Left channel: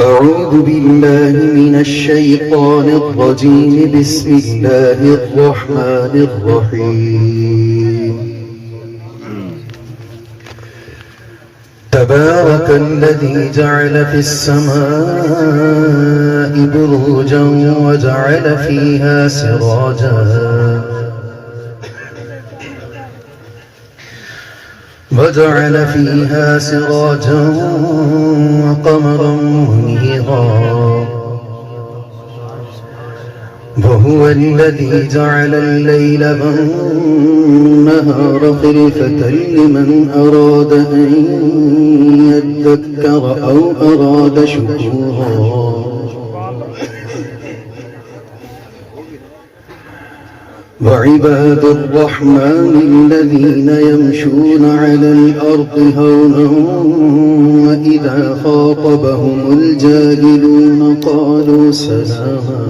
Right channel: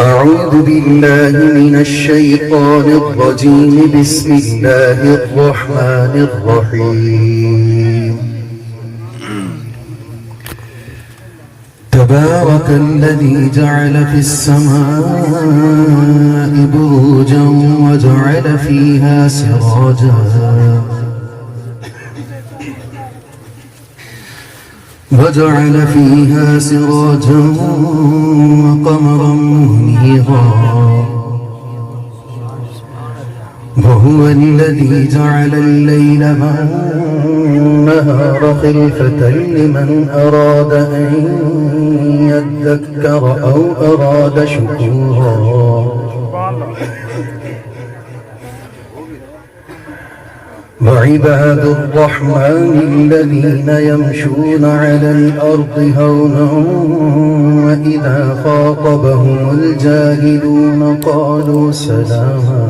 أعوذ بالله من الشيطان الرجيم. بسم الله الرحمن الرحيم. تبارك الذي جعل في السماء بروجا وجعل فيها سراجا وقمرا منيرا وهو الذي جعل الليل والنهار خلفة لمن أراد أن يذكر أو أراد شكورا. وعباد الرحمن الذين يمشون على الأرض هونا وإذا خاطبهم الجاهلون قالوا سلاما.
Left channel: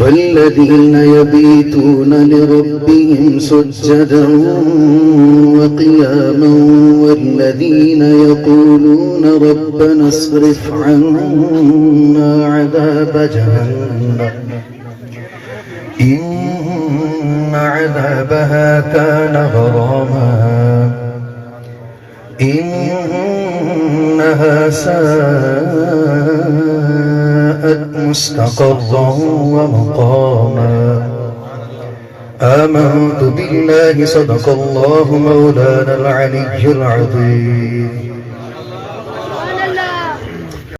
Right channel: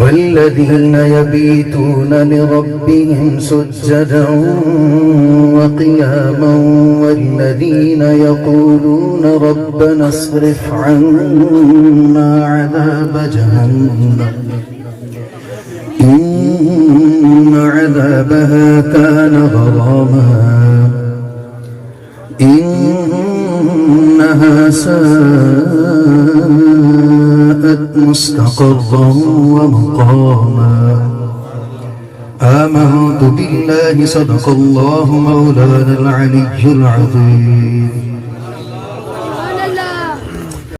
والذين يبيتون لربهم سجدا وقياما والذين يقولون ربنا اصرف عنا عذاب جهنم إن عذابها كان غراما إنها ساءت مستقرا ومقاما. آمنت بالله. صدق الله مولانا العلي العظيم.